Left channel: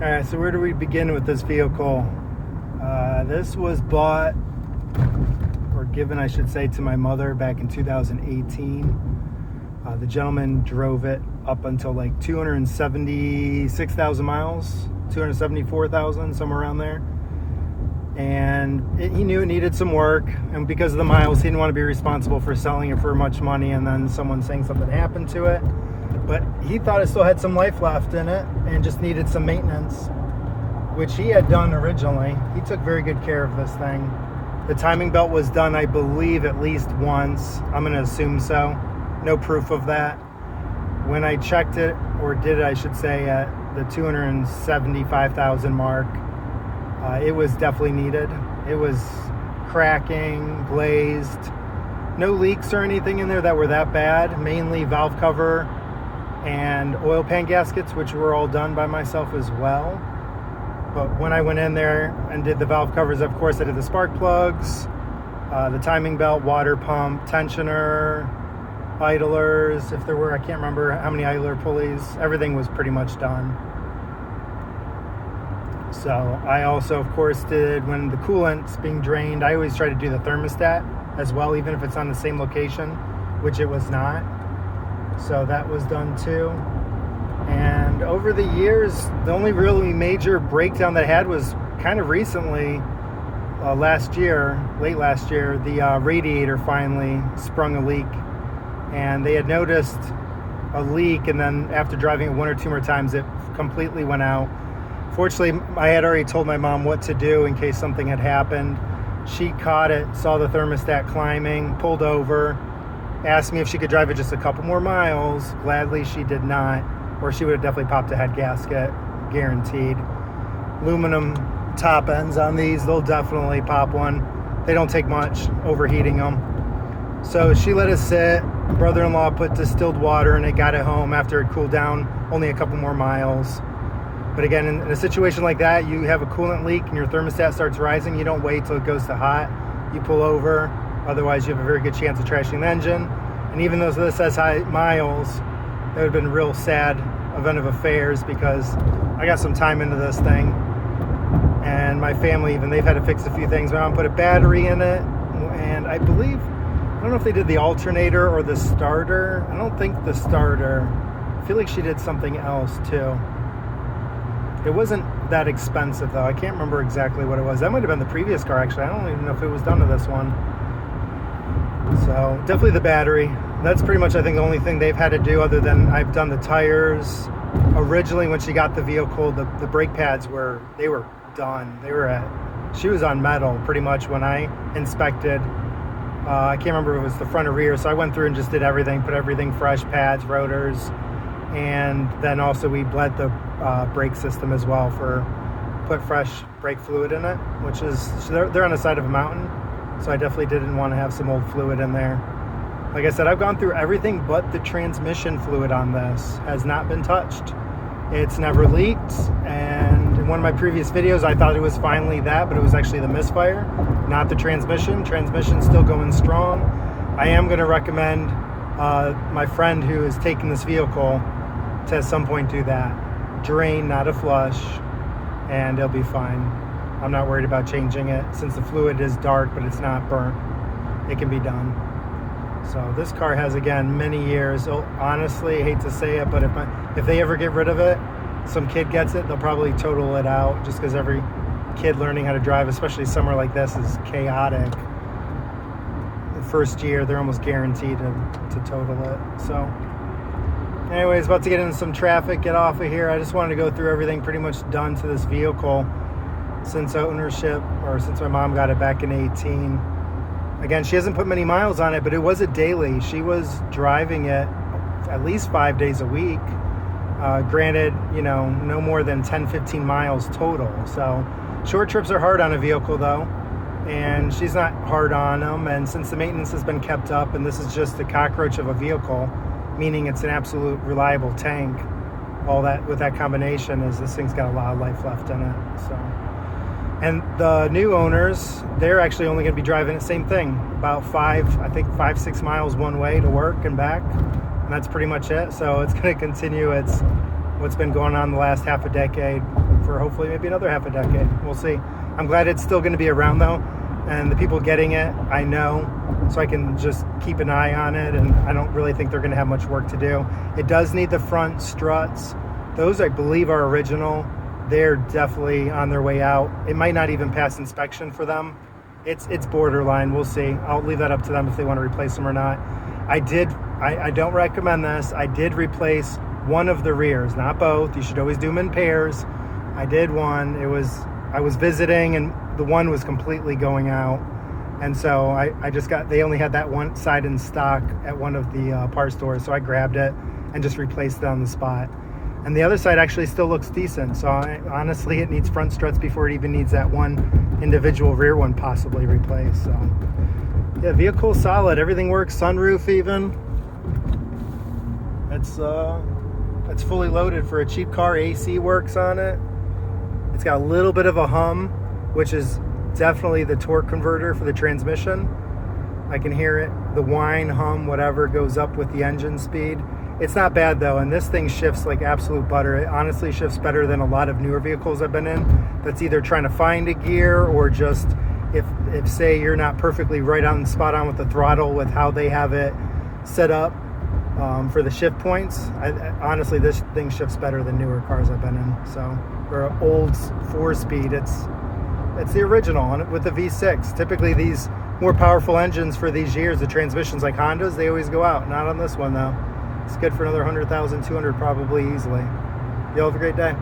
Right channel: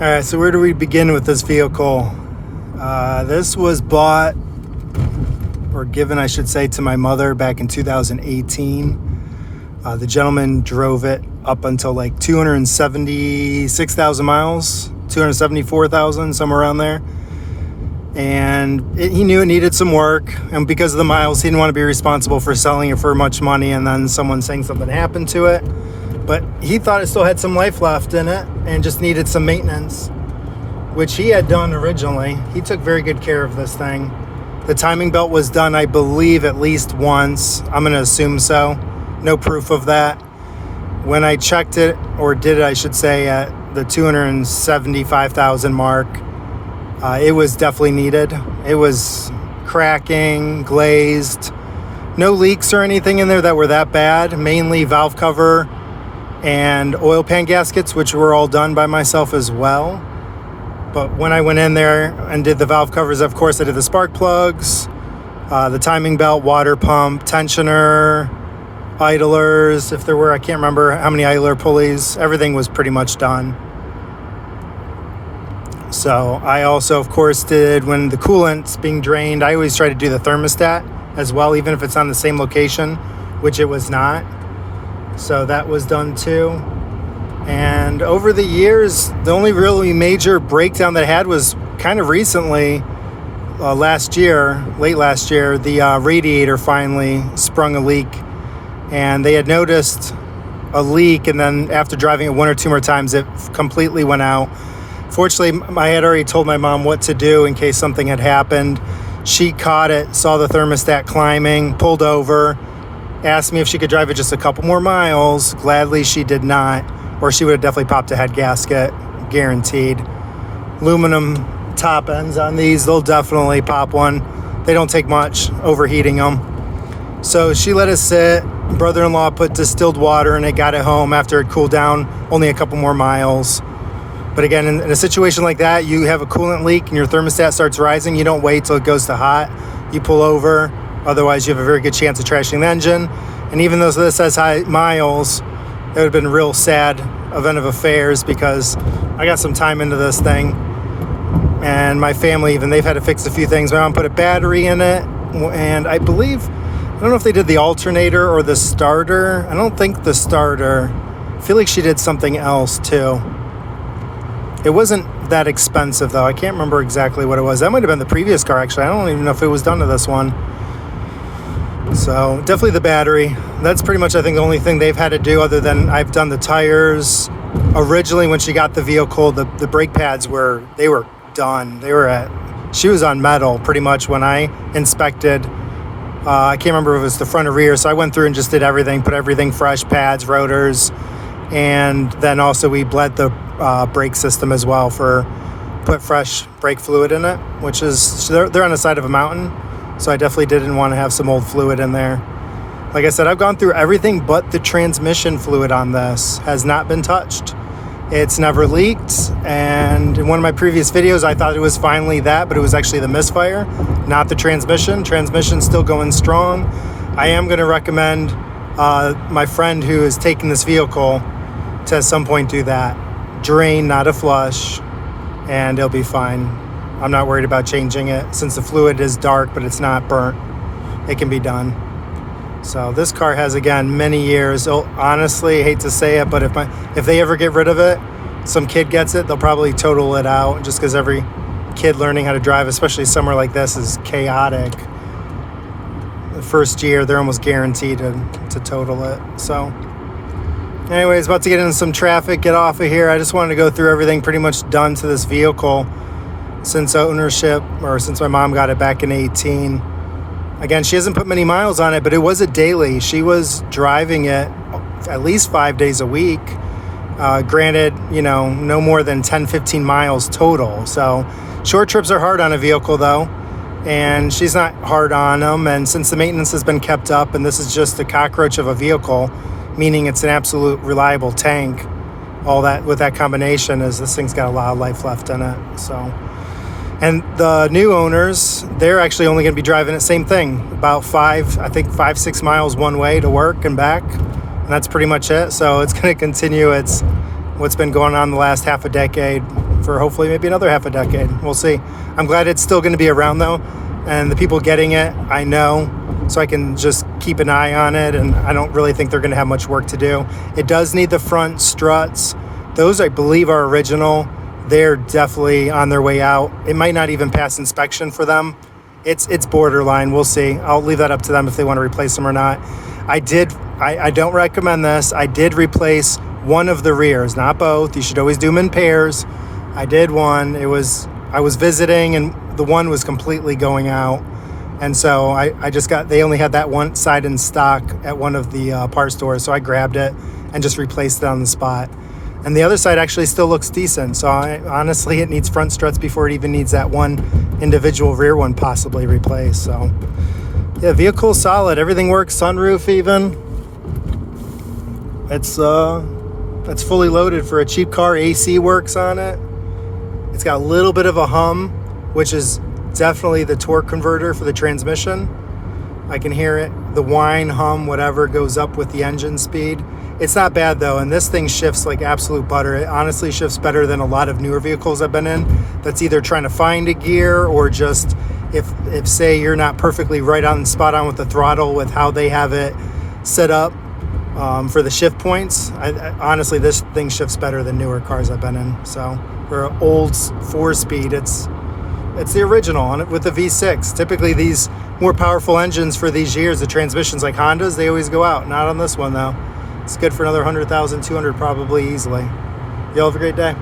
All right, so where do we begin with this vehicle? This was bought, or given, I should say, to my mother back in 2018. The gentleman drove it up until like 276,000 miles, 274,000, somewhere around there. And he knew it needed some work, and because of the miles, he didn't want to be responsible for selling it for much money and then someone saying something happened to it. But he thought it still had some life left in it and just needed some maintenance, which he had done originally. He took very good care of this thing. The timing belt was done, I believe, at least once. I'm going to assume so. No proof of that. When I checked it, or did it, I should say, at the 275,000 mark, it was definitely needed. It was cracking, glazed. No leaks or anything in there that were that bad. Mainly valve cover and oil pan gaskets, which were all done by myself as well. But when I went in there and did the valve covers, of course I did the spark plugs, the timing belt, water pump, tensioner, idlers, if there were, I can't remember how many idler pulleys. Everything was pretty much done. So I also, of course, did, when the coolant's being drained, I always try to do the thermostat as well, even if it's on the same location, which it was not. So that was done too. And over the years, the only really major breakdown that I had was kind of recently, last year, late last year, the radiator finally sprung a leak. And they had noticed a leak, and then after driving it one or two more times, it completely went out. Fortunately, I had already told my mom what to do in case something had happened. She caught it, saw the thermostat climbing, pulled over, asked me if she could drive it just a couple more miles. Gladly, she did not, or she would have definitely popped a head gasket, guaranteed. Aluminum top ends on these, they'll definitely pop one. They don't take much, overheating them. So she let us sit. Brother-in-law put distilled water in it, got it home after it cooled down, only a couple more miles. But again, in a situation like that, you have a coolant leak and your thermostat starts rising, you don't wait till it goes to hot. You pull over, otherwise you have a very good chance of trashing the engine. And even though this has high miles, it would have been a real sad event of affairs, because I got some time into this thing. And my family, even, they've had to fix a few things. My mom put a battery in it, and I believe, I don't know if they did the alternator or the starter. I don't think the starter. I feel like she did something else too. It wasn't that expensive though. I can't remember exactly what it was. That might have been the previous car actually. I don't even know if it was done to this one. So definitely the battery. That's pretty much, I think, the only thing they've had to do, other than I've done the tires. Originally when she got the vehicle, the brake pads were done. She was on metal pretty much when I inspected. I can't remember if it was the front or rear, so I went through and just did everything, put everything fresh, pads, rotors, and then also we bled the brake system as well, put fresh brake fluid in it, which is, they're on the side of a mountain, so I definitely didn't want to have some old fluid in there. Like I said, I've gone through everything but the transmission fluid on this has not been touched. It's never leaked, and in one of my previous videos I thought it was finally that, but it was actually the misfire, not the transmission. Transmission's still going strong. I am going to recommend my friend who is taking this vehicle to at some point do that. Drain, not a flush, and it'll be fine. I'm not worried about changing it, since the fluid is dark but it's not burnt. It can be done. So this car has, again, many years. Honestly, I hate to say it, but if they ever get rid of it, some kid gets it, they'll probably total it out, just because every kid learning how to drive, especially somewhere like this, is chaotic. The first year, they're almost guaranteed to total it. So anyways, about to get into some traffic, get off of here. I just wanted to go through everything pretty much done to this vehicle since ownership, or since my mom got it back in 2018. Again, she hasn't put many miles on it, but it was a daily. She was driving it at least 5 days a week. Granted, no more than 10, 15 miles total. So short trips are hard on a vehicle though, and she's not hard on them. And since the maintenance has been kept up, and this is just a cockroach of a vehicle, meaning it's an absolute reliable tank, all that with that combination is this thing's got a lot of life left in it. So, and the new owners, they're actually only going to be driving it, same thing, about 5-6 miles one way to work and back, and that's pretty much it. So it's going to continue what's been going on the last half a decade, for hopefully maybe another half a decade. We'll see. I'm glad it's still going to be around though, and the people getting it, I know, so I can just keep an eye on it, and I don't really think they're going to have much work to do. It does need the front struts. Those, I believe, are original. They're definitely on their way out. It might not even pass inspection for them. It's borderline. We'll see. I'll leave that up to them if they want to replace them or not. I don't recommend this. I did replace one of the rears, not both. You should always do them in pairs. I did one. I was visiting, and the one was completely going out. And so they only had that one side in stock at one of the parts stores. So I grabbed it and just replaced it on the spot. And the other side actually still looks decent. So honestly, it needs front struts before it even needs that one individual rear one possibly replaced. So yeah, vehicle solid. Everything works. Sunroof even. It's fully loaded for a cheap car. AC works on it. It's got a little bit of a hum, which is definitely the torque converter for the transmission. I can hear it. The whine, hum, whatever goes up with the engine speed. It's not bad though, and this thing shifts like absolute butter. It honestly shifts better than a lot of newer vehicles I've been in. That's either trying to find a gear or just if say you're not perfectly right on spot on with the throttle with how they have it set up for the shift points. Honestly, this thing shifts better than newer cars I've been in. So for an old 4-speed, it's the original with the V6. Typically these more powerful engines for these years, the transmissions like Hondas, they always go out. Not on this one though. It's good for another 100,000, 200 probably easily. Y'all have a great day.